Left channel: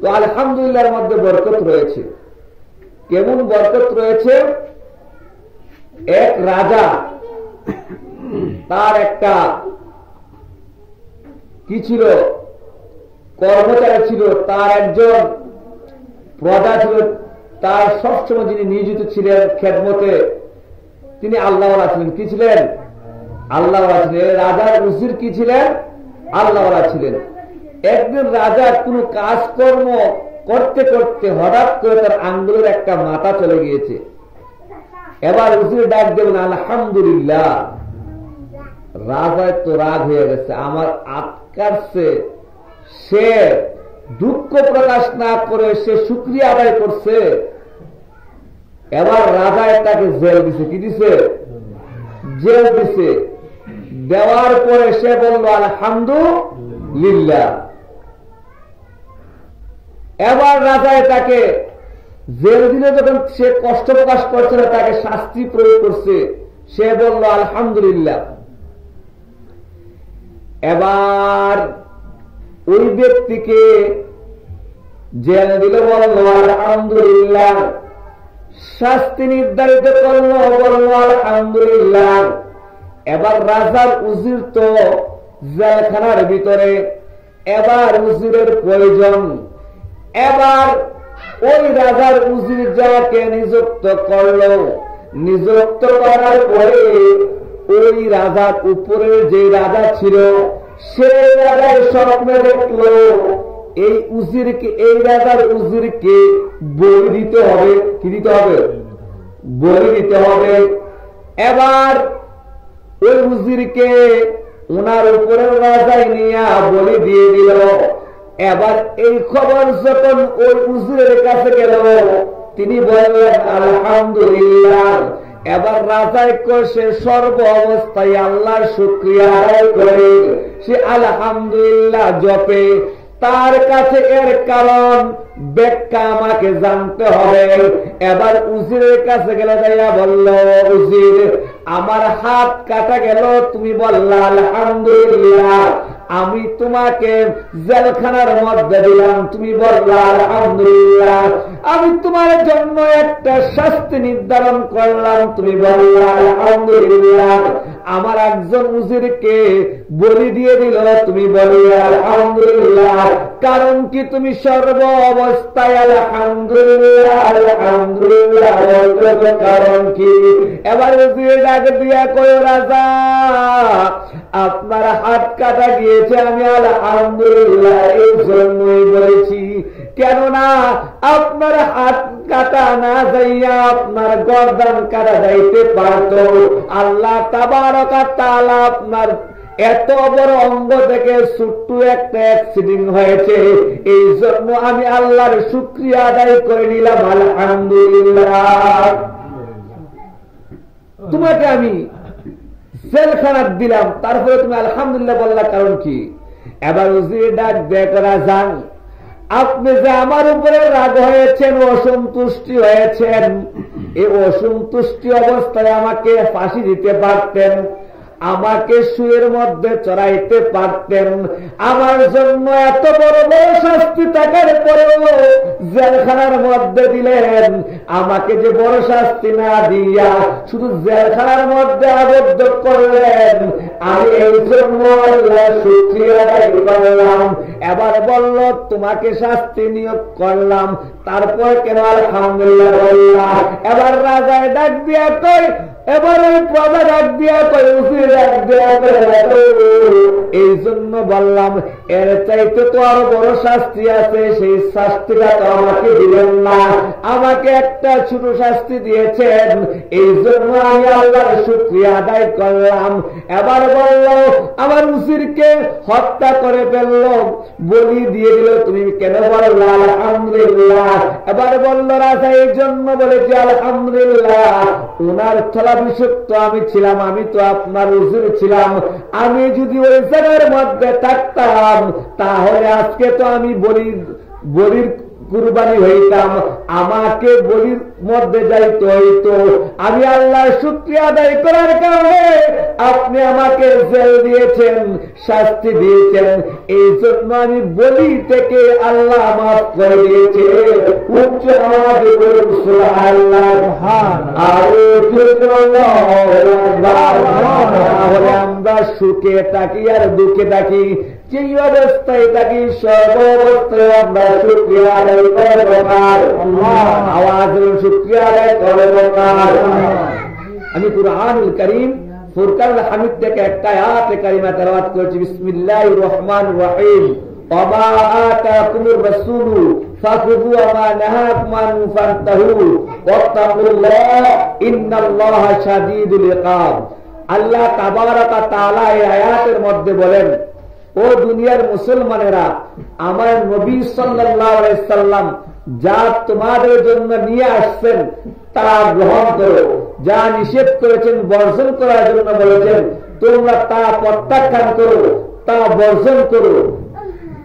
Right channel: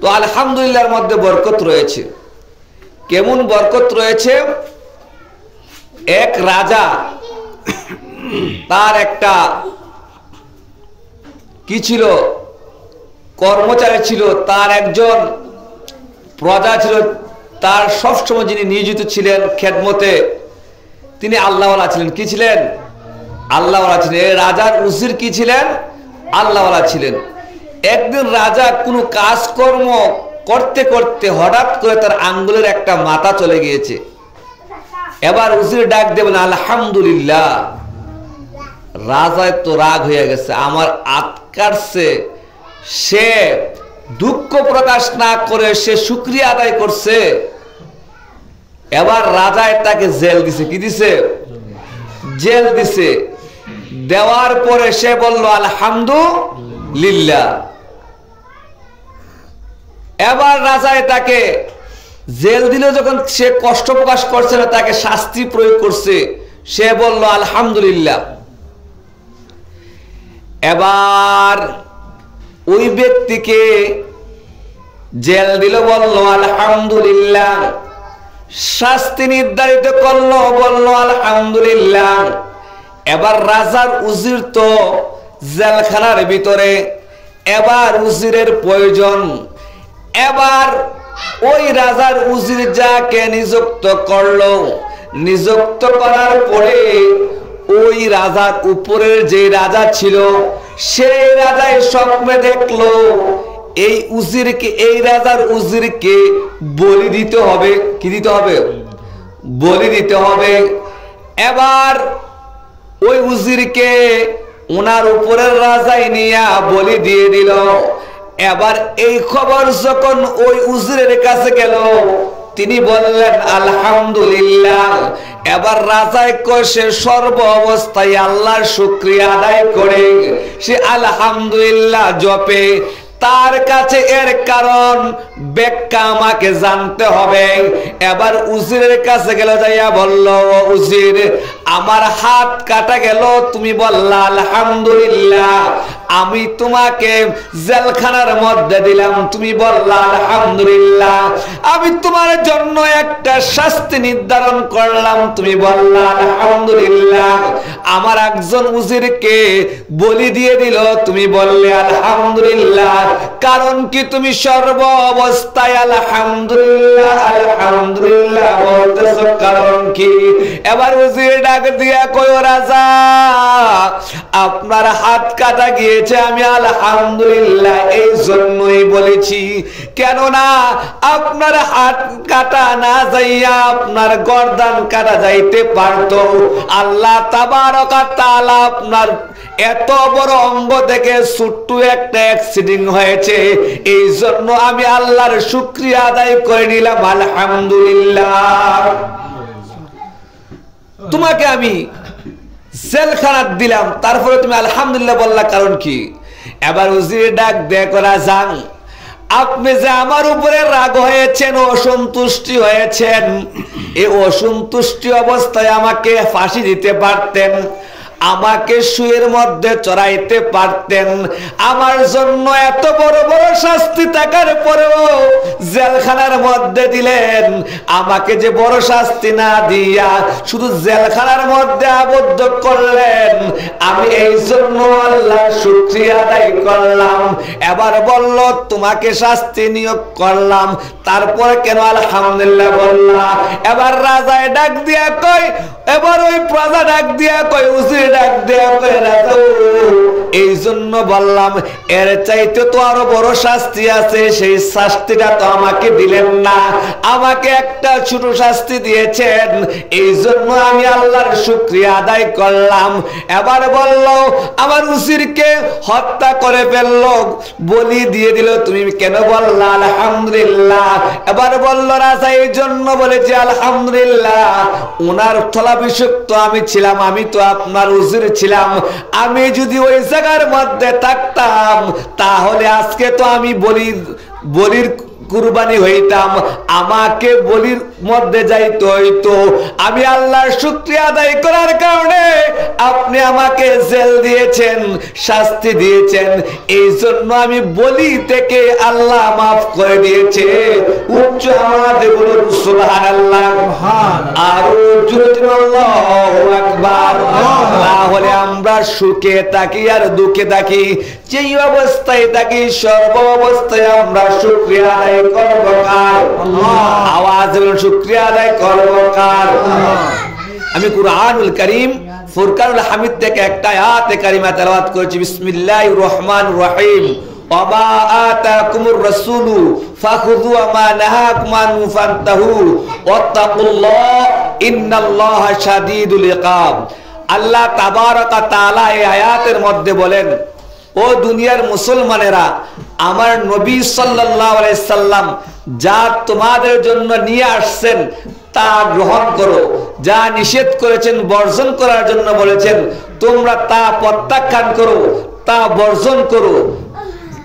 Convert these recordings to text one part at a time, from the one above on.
তো আলহামদুলিল্লাহর মধ্যে বরকত রয়েছে। কেমন বরকত রয়েছে? এক রাজা, তার একটা কি ছিল, কর্মচারী ছিল, তার একজন প্রজা ছিল, তার সবসময় যিনি নিয়োজিত ছিলেন খেদমতে, তিনি আল্লাহওয়ালা ছিলেন। কি ছিলেন? আল্লাহওয়ালা ছিলেন। রাজার উজির কি ছিলেন? আল্লাহওয়ালা ছিলেন। একদিন রাজা কোনো কাজকর্ম করতে করতে হঠাৎ করে তার আঙ্গুলের একটা মাথা চলে গিয়েছে। এবার উজির ডাক দেবেন আলহামদুলিল্লাহ। রাজায় তো রাগ হয়ে গেছে, আমার আটকারছে। সে দুঃখ প্রকাশ না করে সে শুকরিয়া আদায় করছে। এবার রাজায় তাকে জেল দিছে। কি দিছে? জেল দিছে। দেওয়ার পরে সে বলল আলহামদুলিল্লাহ। এবার রাজায় তাকে জেল দিল, যখন সে কষ্ট প্রকাশ করছে না, তাকে শাস্তি প্রয়োগ করছে, সে বলল আলহামদুলিল্লাহ। এবার ওই ব্যক্তিকে জেল দিল, বলল আলহামদুলিল্লাহ। শাস্তি নির্ধারিত করলো, বলল আলহামদুলিল্লাহ। এবার রাজার উজির তো জেলখানার ভিতরে, এবার উজিরের প্রয়োজন। এবার ওই রাজার উজির যাকে নিযুক্ত করলো, নিযুক্ত করার পরে ওই রাজার উপরের যে রাজা ছিল, সেই রাজাই স্বপ্নে দেখলো এই উজিরকে, এই রাজার উজিরকে বলি দিতে হবে। কি দিতে হবে? বলি দিতে হবে। এবার ওই উজিরকে ওনার উপরের রাজাই নিয়ে বলি দিয়ে দিল। এবার এই খবর যখন ওই উজিরের কাছে গেল, তিনি বললেন আলহামদুলিল্লাহ। এবার রাজায় কয় সে সর্ব অবস্থায় আল্লাহর শুকরিয়া আদায় করে, সে আলহামদুলিল্লাহ জপে। তার কাছে এর কারণ ব্যাখ্যা আমাকে জানতে হবে। এবার উজিরের কাছে গেল, যাইয়া বলল উজির, আমার হাত কাটা গেল, তুমি বললা আলহামদুলিল্লাহ। আমি তোমাকে জেলখানার মধ্যে দিলাম, তুমি বললা আলহামদুলিল্লাহ। আমি তোমার জন্য একটা শাস্তি নির্ধারণ করলাম, তুমি বললা আলহামদুলিল্লাহ। আমার একজন উজিরকে বলি দিয়ে দিল, তুমি বললে আলহামদুলিল্লাহ। কারণ কি? তুমি সর্ব অবস্থায় আলহামদুলিল্লাহ আলহামদুলিল্লাহ বলতেছো, কারণ কি? এবার উজির ডাক দিয়া কয়, রাজা আপনার হাত কাটা গিয়েছে, আমি আলহামদুলিল্লাহ এই জন্যই বলেছি। কেননা আপনার হাত কাটা না যাইয়া আপনার গর্দান কাটা যাইতে পারতো। আল্লাহ তাবারক ওয়া তাআলা আপনার এত বড় অঙ্গ থেকে ছোট্ট একটা অ্যাক্সিডেন্ট হয়েছে, এই জন্য আমি আল্লাহর শুকরিয়া আদায় করে নিলাম আলহামদুলিল্লাহ। তোমাকে আমি জেলখানা দিলাম, তারপরে তুমি আলহামদুলিল্লাহ বললা, কারণ কি? এবার উজির ডাক দেয়া করা যান, আপনি যে আমার উপরে রাগ হয়েছেন, অসন্তুষ্টি হয়েছেন, এই অসন্তুষ্টি অবস্থায় আমাকে ফাঁসি দিতে পারতেন, আমাকে শুয়ের মধ্যে চড়াইতে পারতেন। আমার জন্য এত বড় বড় শাস্তি থাকার পরেও জেলখানার মধ্যে দিলেন। আমাকে যে বড় শাস্তি না দিয়া শুধু জেলখানার মধ্যে আবদ্ধ করলেন, আমি এই জন্য আল্লাহর শুকরিয়া আদায় করলাম। এবার বলল, তোমাকে শাস্তি নিয়োগ করলাম, তারপর কেন আলহামদুলিল্লাহ বললাম? এবার রাজায় ডাক দিয়া কয়, এবার ওই প্রজা ডাক দিয়া কয়, উজির ডাক দিয়া কয়, রাজা এই জন্য বললাম, এর চাইতে তো আরো বড় শাস্তি আছে, সেই শাস্তিটা তো আমাকে দিলেন না, আমাকে একটা ছোট শাস্তি দিয়েছেন, এই জন্য আমি আল্লাহর শুকরিয়া আদায় করলাম। এবার বলল, আমার উজিরকে হত্যা করে ফেলল, বলি দিয়ে দিল, তুমি কেন বললা আলহামদুলিল্লাহ? এবার বলল, রাজা এই জন্য বলেছি আলহামদুলিল্লাহ, ওনার স্থলাভিষিক্ত আমি ছিলাম, আমি তো আপনার উজির ছিলাম। আমি যদি ওই জায়গার মধ্যে থাকতাম, তাহলে আজকে তো আমি বলির কুরবানি হইতাম, আমাকে বলির মধ্যে যাইতে হইতো। আমি আল্লাহর শুকরিয়া আদায় করার কারণে আপনি আমাকে জেল দিয়েছেন, শাস্তি দিয়েছেন, এই জন্য আমি বলি থেকে আল্লাহ মাফ করে দিয়েছে। উচ্চ আওয়াজে বলুন সুবহানাল্লাহ। আর আল্লাহু আকবার। তাহলে আমরা সুখে থাকি আর দুঃখে থাকি, যেই অবস্থায় থাকি সর্ব অবস্থায় আমরা শুকরিয়া আদায় করব কার? আল্লাহ। আওয়াজ বলুন শুকরিয়া আদায় করব কার? আমি কুরআনুল কারীম ফুরকানুল হামিদ থেকে একটা আয়াতে কারিমা তেলাওয়াত করেছি। বিসমিল্লাহির রহমানির রহিম। ওয়ামা আতাকুমুর রাসূলু ফাখুযু ওয়া মা নাহাকুম আনহু ফান্তাহু ওয়াত্তাকুল্লাহ ইন্নাল্লাহা শাদীদুল ইকাব। আল্লাহ তাবারক ওয়া তাআলা এই আয়াতের মধ্যে বলেন, ও দুনিয়ার মুসলমানেরা, আমার নবী সাল্লাল্লাহু আলাইহি সাল্লাম যা তোমাদের জন্য নিয়ে আসছেন তা গ্রহণ করো, যা নিষেধ করেছেন বর্জন করার জন্য বলেছেন তোমরা তা প্রত্যাখ্যান করো, তা বর্জন করো,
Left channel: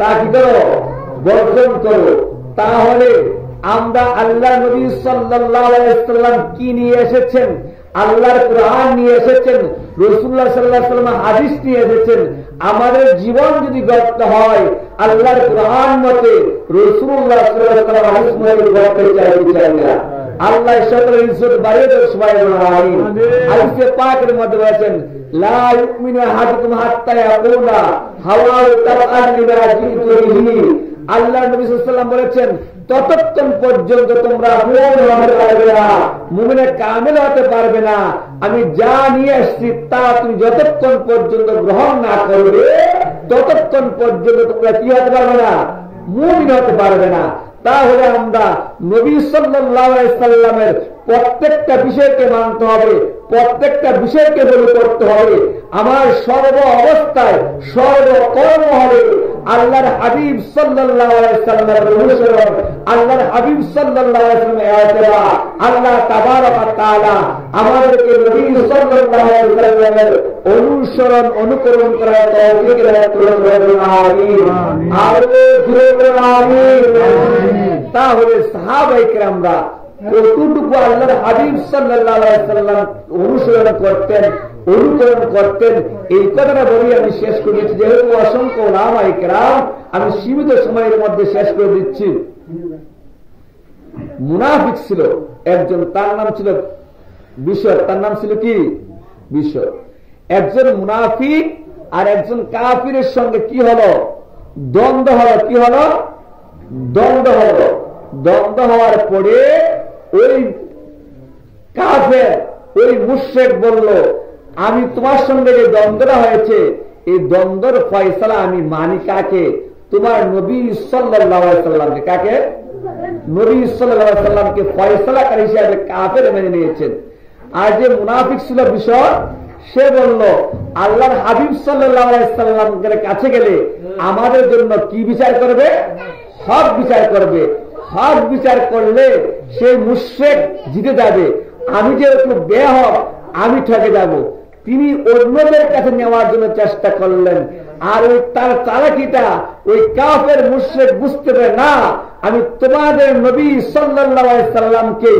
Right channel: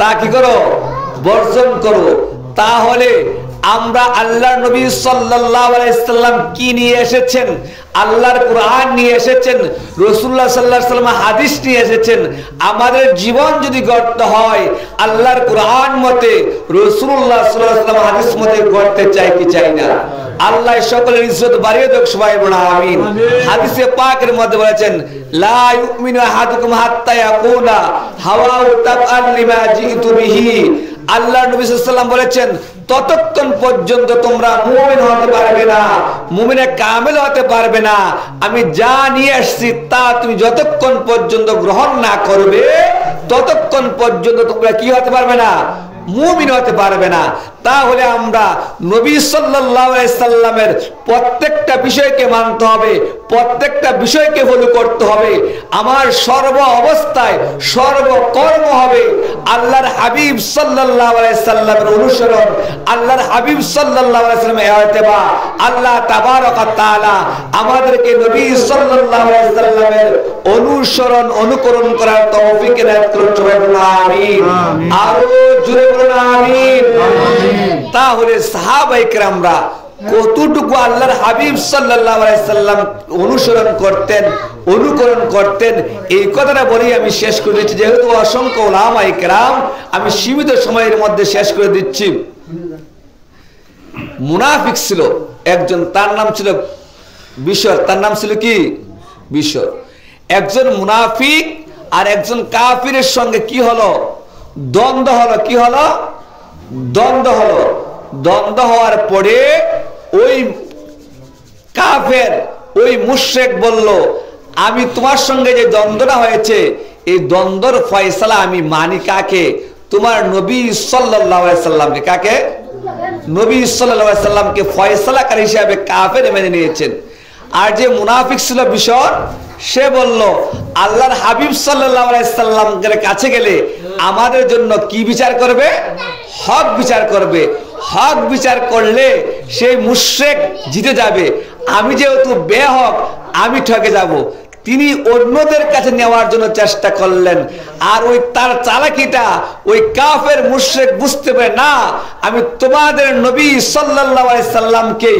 তা কি করো? বর্জন করো। তাহলে আমরা আল্লাহর নবী সাল্লাল্লাহু আলাইহি সাল্লাম কি নিয়ে এসেছেন? আল্লাহর কোরআন নিয়ে এসেছেন, রাসূলুল্লাহ সাল্লাল্লাহু আলাইহি ওয়াসাল্লাম হাদিস নিয়ে এসেছেন। আমাদের জীবন যদি গড়তে হয় আল্লাহর কোরআন মতে, রাসূলুল্লাহ সাল্লাল্লাহু আলাইহি ওয়াসাল্লাম হাদিস মতে গড়তে চাই কি চাই না? আল্লাহ সকলের ইজ্জত বাড়িয়ে দেখ, সবাই বলুন আমিন। হাদিসে পাকের মধ্যে বলেছেন, লা ইউমিনু আহাদুকুম হাত্তা ইয়াকুলা হাওয়াউ তাবআন লিমা জিতু বিহি। আল্লাহ নবী সাল্লাল্লাহু আলাইহি ওয়াসাল্লাম বলেছেন, ততক্ষণ পর্যন্ত তোমরা মুমিন হতে পারবে না, মুমিনে কামেল হতে পারবে না, আমি যা নিয়ে আসছি তা তুমি যতক্ষণ পর্যন্ত গ্রহণ না করবে ততক্ষণ পর্যন্ত তোমরা কি হতে পারবে না? মুমিন হতে পারবে না। তাহলে আমরা নবী সাল্লাল্লাহু আলাইহি সাল্লামের প্রত্যেকটা বিষয়কে মানতে হবে, প্রত্যেকটা বিষয়কে ফলো করতে হবে। আমার সর্ব অবস্থায় সর্বকর্ম হবে আল্লাহর হাবিব সাল্লাল্লাহু আলাইহি সাল্লামের অনুসরণ, আল্লাহর হাবিব সাল্লাল্লাহু আলাইহি সাল্লামের ইত্তেবা। আল্লাহ তাবারক ওয়া তাআলা আমাদেরকে নবী সাল্লাল্লাহু আলাইহি সাল্লামের অনুসরণ অনুকরণ করার তৌফিক এনায়েত করুন, সবাই বলুন আমিন। আরো জোরে বলুন আমিন। তাহলে সাহাবায়ে কেরামরা কতটুকু আল্লাহর হাবিব সাল্লাল্লাহু আলাইহি সাল্লাম অনুসরণ করতেন, অনুকরণ করতেন, এই কথাটা বলি আমি শেষ করে দিচ্ছি, যেহেতু অসংখ্য উলামায়ে কেরাম, আমি সীমিত সময়ের মধ্যে শেষ করে দিচ্ছি। মুনাফিক ছিল একজন, তার নাম ছিল বিশর। তার নাম ছিল কি? বিশর। একজন মুনাফিক আর একজন কাফিরের সঙ্গে কি হলো? দ্বন্দ্ব হলো। কি হলো? দ্বন্দ্ব হলো। দ্বন্দ্ব হওয়ার পরে ওই কাফের, ওই মুশরিক বলল, আমি তোমার সঙ্গে যে দ্বন্দ্বটা হয়েছে এই দ্বন্দ্বর ফয়সালা আমি মানি কাকে? তোমার নবী সাল্লাল্লাহু আলাইহি সাল্লামকে। কাকে? নবী সাল্লাল্লাহু আলাইহি সাল্লামকে ফয়সালাকারী হিসেবে কাফের মেনে নিয়েছেন। আর যে মুনাফিক ছিল বিশর, সে বলল আল্লাহর হাবিব সাল্লাল্লাহু আলাইহি সাল্লামের কাছে গেলে আমাদের জন্য কি বিচার করবে? হক বিচার করবে। হক বিচার করলে সেই মুশরিক জিতে যাবে, আমি যেহেতু বেহক আমি ঠকে যাব। তিনি অন্যদের কাছে নেওয়ার জন্য চেষ্টা করলেন। আর ওই তার চালাকিটা ওই কাফের মুশরিক বুঝতে পারে না, আমি তোমাদের নবী সাল্লাল্লাহু আলাইহি সাল্লামকে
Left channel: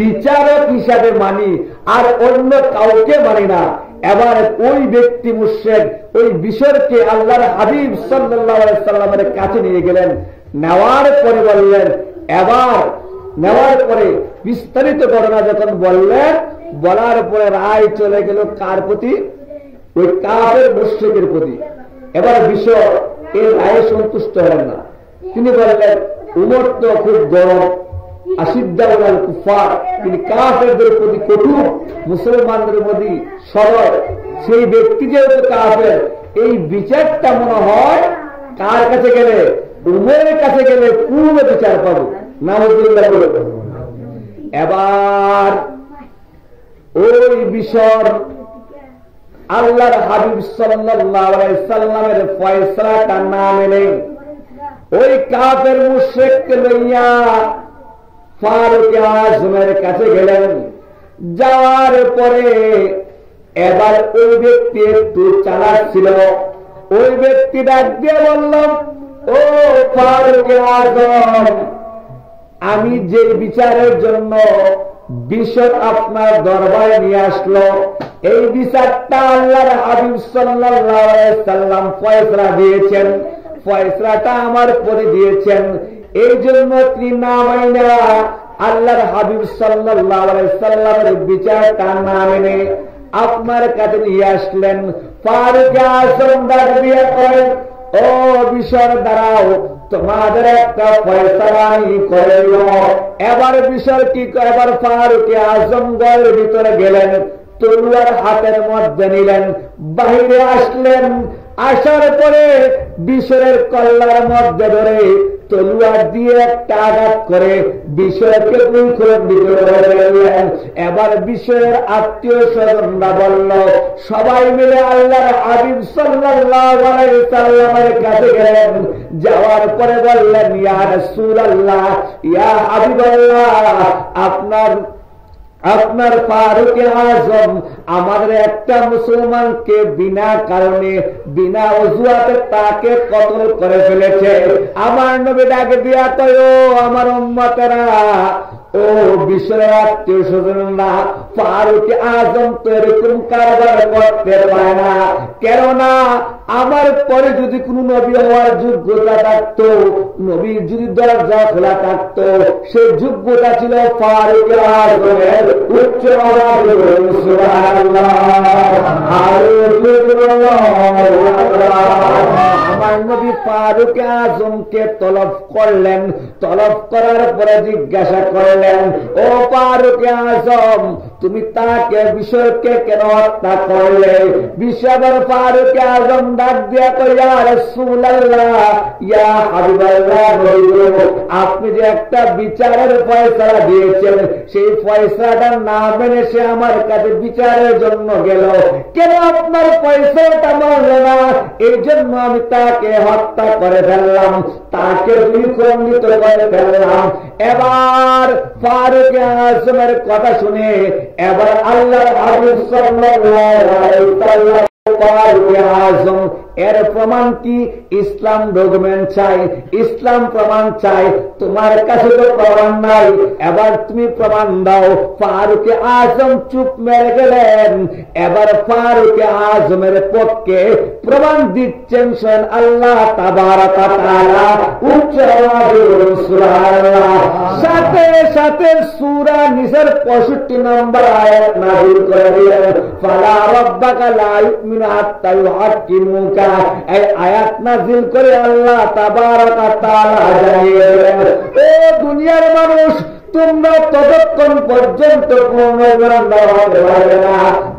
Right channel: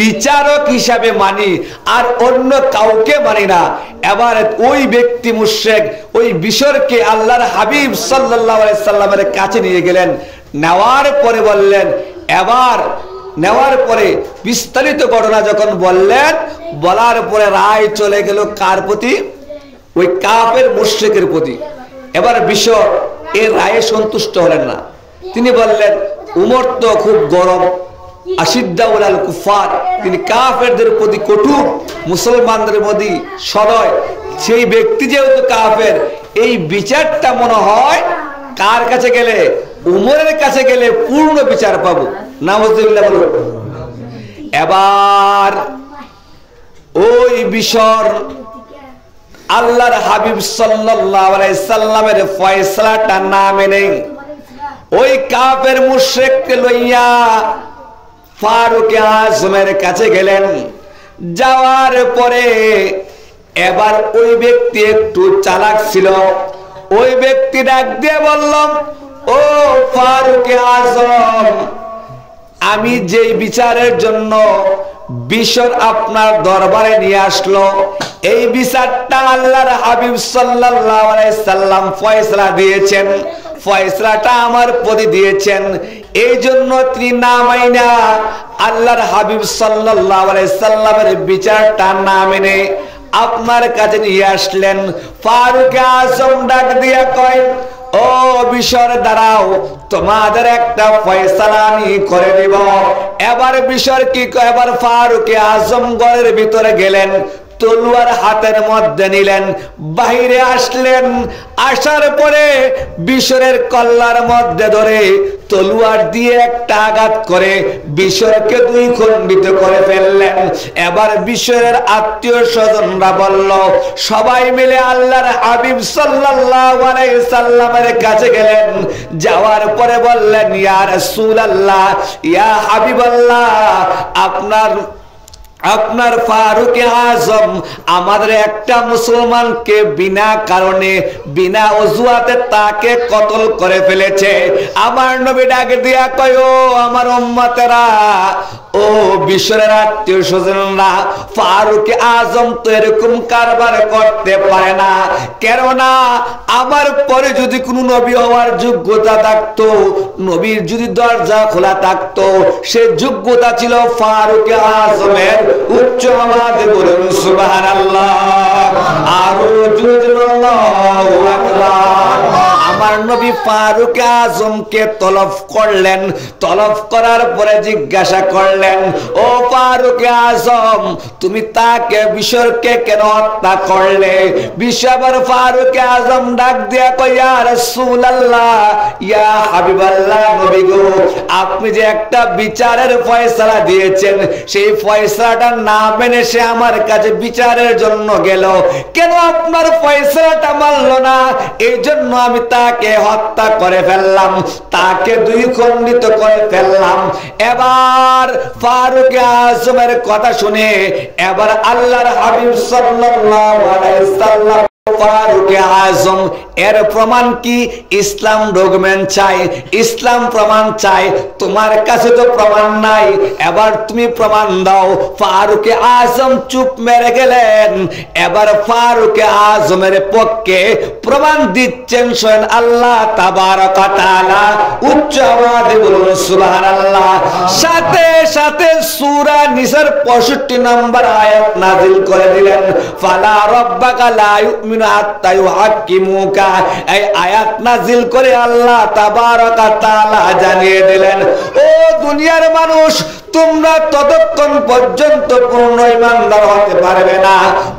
বিচারক হিসাবে মানি আর অন্য কাউকে মানি না। এবার ওই ব্যক্তি মুশরিক ওই বিশরকে আল্লাহর হাবিব সাল্লাল্লাহু আলাইহি সাল্লামের কাছে নিয়ে গেলেন। নেওয়ার পরে বললেন, এবার নেওয়ার পরে বিস্তারিত ঘটনা যখন বললেন, বলার পরে রায় চলে গেল কার প্রতি? ওই কাফের মুশরিকের প্রতি। এবার বিশর এর রায়ে সন্তুষ্ট হলেন না। তিনি বললেন, উমর তো খুব গরম, আশিদ্দাউল আল কুফার, তিনি কাফেরদের প্রতি কটু, মুসলমানদের প্রতি সদয়। সেই ব্যক্তি যেহেতু কাফের, এই বিচারটা মনে হয় কার কাছে গেলে? উমরের কাছে গেলে পূর্ণ বিচার পাবো। নাউযুবিল্লাহ বলুন। এবার ওই বিশর আল্লাহর হাবিব সাল্লাল্লাহু আলাইহি সাল্লামের ফয়সালাটা না মেনে ওই কাফের মুশরিককে লইয়া ফারুক আজমের কাছে গেলেন। যাওয়ার পরে এবার ওই ব্যক্তি একটু চালাক ছিল। ওই ব্যক্তি ডাক দিয়ে বলল, ও ফারুক আজম, আমি যেই বিচারের জন্য বিশর আপনার দরবারে নিয়ে আসলো, এই বিচারটা আল্লাহর হাবিব সাল্লাল্লাহু আলাইহি সাল্লাম ফয়সালা দিয়েছেন, ফয়সালাটা আমার প্রতি দিয়েছেন। এই জন্য তিনি না মাইনা আল্লাহর হাবিব সাল্লাল্লাহু আলাইহি সাল্লামের বিচারটা না মেনে আপনার কাছে নিয়ে আসলেন। ফারুক আজম ডাক দিয়া কয়, ও বিশর দাঁড়াও, তোমাদের একটা ফয়সালা আমি করে দিব। এবার বিশর কি কয়, এবার ফারুক আজম ঘরের ভিতরে গেলেন, তলোয়ার হাতের মধ্যে নিলেন, বাহিরে আসলেন। আসার পরে বিশরের কল্লার মধ্যে ধরে তলোয়ার দিয়ে একটা আঘাত করে বিশরকে দুই খণ্ডিত করে ফেললেন। এবার বিশরের আত্মীয় স্বজনরা বলল, সবাই মিলে আল্লাহর হাবিব সাল্লাল্লাহু আলাইহি সাল্লামের কাছে গেলেন। যাওয়ার পরে বললেন, ইয়া রাসূলুল্লাহ, ইয়া হাবিবাল্লাহ, আপনার ফারুক আজম আমাদের একটা মুসলমানকে বিনা কারণে বিনা অজুহাতে তাকে কতল করে ফেলেছে। আমার নবী ডাক দিয়া কয়, ও আমার উম্মতেরা, ও বিশরের আত্মীয় স্বজনরা, ফারুক আজম তো এরকম কারবার করতে পারে না। কেননা আমার পরে যদি কোনো নবী হওয়ার যোগ্যতা থাকতো, নবীর যদি দরজা খোলা থাকতো, সে যোগ্যতা ছিল ফারুক আজমের। উচ্চ আওয়াজে বলুন সুবহানাল্লাহ, আরো জোরে আল্লাহু আকবার। আমার নবী ফারুক আজমকে তলব করলেন, তলব করার পরে জিজ্ঞাসা করলেন, ও ফারুক আজম, তুমি তাকে বিশরকে কেন হত্যা করলে? বিশর ফারুক আজম ডাক দিয়া কয়, ইয়া রাসূলুল্লাহ, ইয়া হাবিবাল্লাহ, নবী গো, আপনি যে একটা বিচারের ফয়সালা দিয়েছেন, সেই ফয়সালাটা না মেনে সে আমার কাছে বিচারের জন্য গেল, কেন আপনার ফয়সালাটা মানল না? এই জন্য আমি তাকে হত্যা করে ফেললাম, তাকে দুই খণ্ডিত করে ফেললাম। এবার ফারুক আজমের কথা শুনে এবার আল্লাহর হাবিব সাল্লাল্লাহু আলাইহি সাল্লাম ফারুক আজম এর প্রমাণ কি? ইসলাম ডকুমেন্ট চাই, ইসলাম প্রমাণ চাই। তোমার কাছে তো প্রমাণ নাই, এবার তুমি প্রমাণ দাও। ফারুক আজম চুপ মেরে গেলেন। এবার ফারুক আজমের পক্ষে প্রমাণ দিচ্ছেন স্বয়ং আল্লাহ তাবারক ওয়া তাআলা। উচ্চ আওয়াজে বলুন সুবহানাল্লাহ। সাথে সাথে সূরা নিসার 65 নম্বর আয়াত নাযিল করে দিলেন, ফালা রাব্বাকা লা ইউমিনু হাত্তা ইউহাক্কিমুকা। এই আয়াত নাযিল করে আল্লাহ তাবারক ওয়া তাআলা জানিয়ে দিলেন, ও দুনিয়ার মানুষ, তোমরা ততক্ষণ পর্যন্ত পূর্ণ ঈমানদার হতে পারবে না,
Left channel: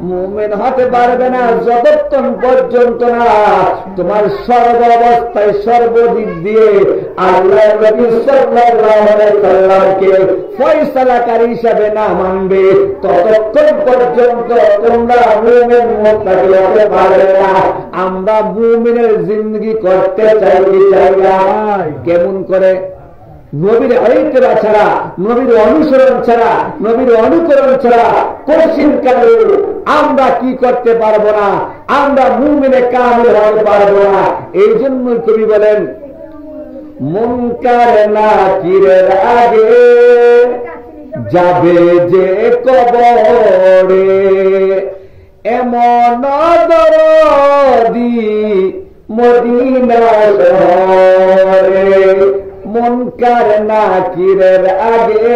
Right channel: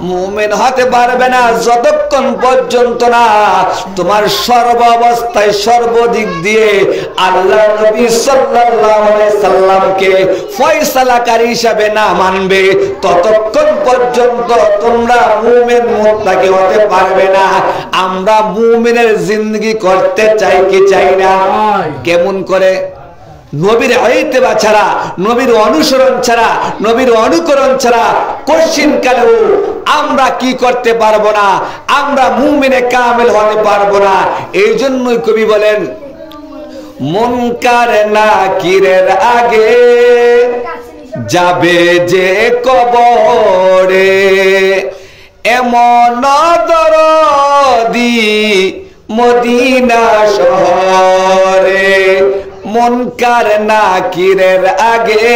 মুমিন হতে পারবে না, যতক্ষণ পর্যন্ত না তোমার সর্ব অবস্থায় সর্বদিক দিয়ে আল্লাহ নবী সাল্লাল্লাহু আলাইহি সাল্লামকে ফয়সালাকারী হিসাবে না মানবে, ততক্ষণ পর্যন্ত তোমরা মুমিন মুত্তাকি হতে পারবে না। আমরা মুমিনের জিন্দেগি করতে চাই কি চাই না? কেমন করে? নবীর ইত্তেবা ছাড়া, নবীর অনুসরণ ছাড়া, নবীর অনুকরণ ছাড়া কোশ্চিন কালেও আমরা কি করতে পারবো না? আমরা মুমিনে কামেল হতে পারবো না। এই জন্যই কবি বলেন, মুনকার নাকিরের আগে যাবে যে কবরে, এমন দরদি মদিনা শহরে। মুনকার নাকিরের আগে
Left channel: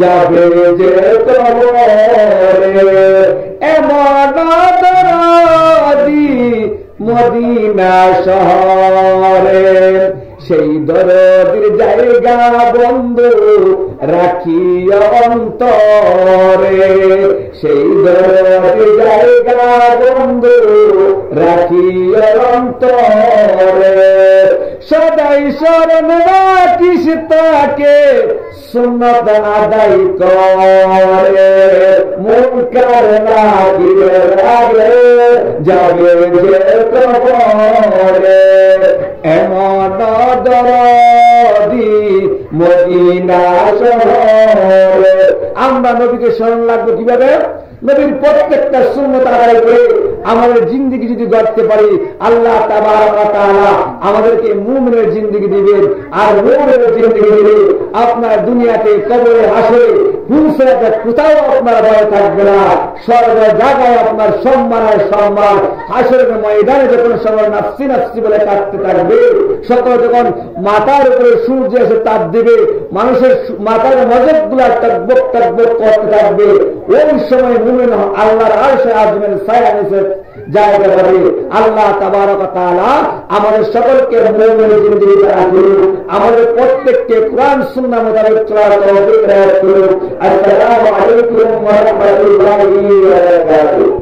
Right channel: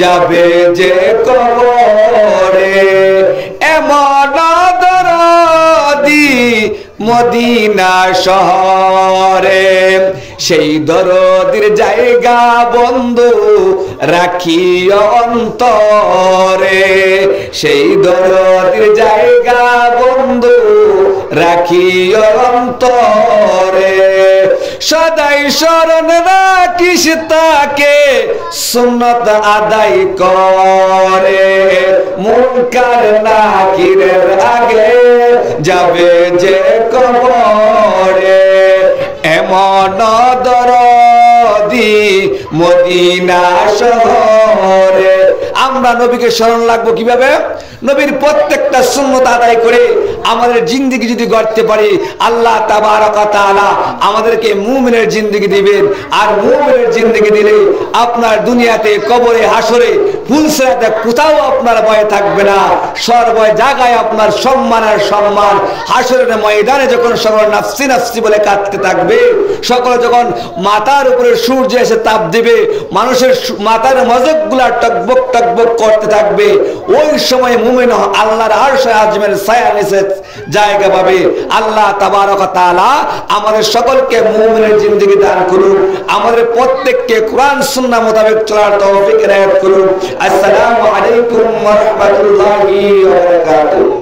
যাবে যে কবরে, এমন দরদি মদিনা শহরে। সেই দরদির জায়গা বন্ধু রাখিও অন্তরে, সেই দরদির জায়গা বন্ধু রাখিও অন্তরে। সদাই শরণ রাখিস তাকে, সুন্নত আদায় করে। মুনকার নাকিরের আগে যাবে যে কবরে, এমন দরদি মদিনা শহরে। আমরা নবীকে স্মরণ রাখবো কিভাবে? নবীর প্রত্যেকটা সুন্নত আদায় করে আমাদের জিন্দেগি যদি গড়তে পারি, আল্লাহ তাবারক ওয়া তাআলা আমাদেরকে মুমিনের জিন্দেগি দিবেন। আর মুমিনের জিন্দেগি দিলে আপনার দুনিয়াতে, কবরে, হাসরে, ফুলসিরাতে কোথাও আপনার ভয় থাকবে না। সর্ব জায়গায় আপনার সম্মান আর সম্মান। হাসরের ময়দানে যখন সকল নাফসি নাফসি বলে কাঁদতে থাকবে, সকল যখন মাথার উপরে সূর্য এসে তাপ দিবে, মানুষের মাথার মজকগুলা টকবক টকবক করতে থাকবে, ওই সময় মুমিন আল্লাহর আরশে আযমের ছায়া নিচে জায়গা পাবে। আল্লাহ তাবারক ওয়া তাআলা আমাদের সকলকে মুমিনের জিন্দেগি দান করুন, আমাদের প্রত্যেককে কোরআন সুন্নাহ মোতাবেক চলার তৌফিক এনায়েত করুন। আসসালামু আলাইকুম ওয়া রাহমাতুল্লাহি ওয়া বারাকাতুহু।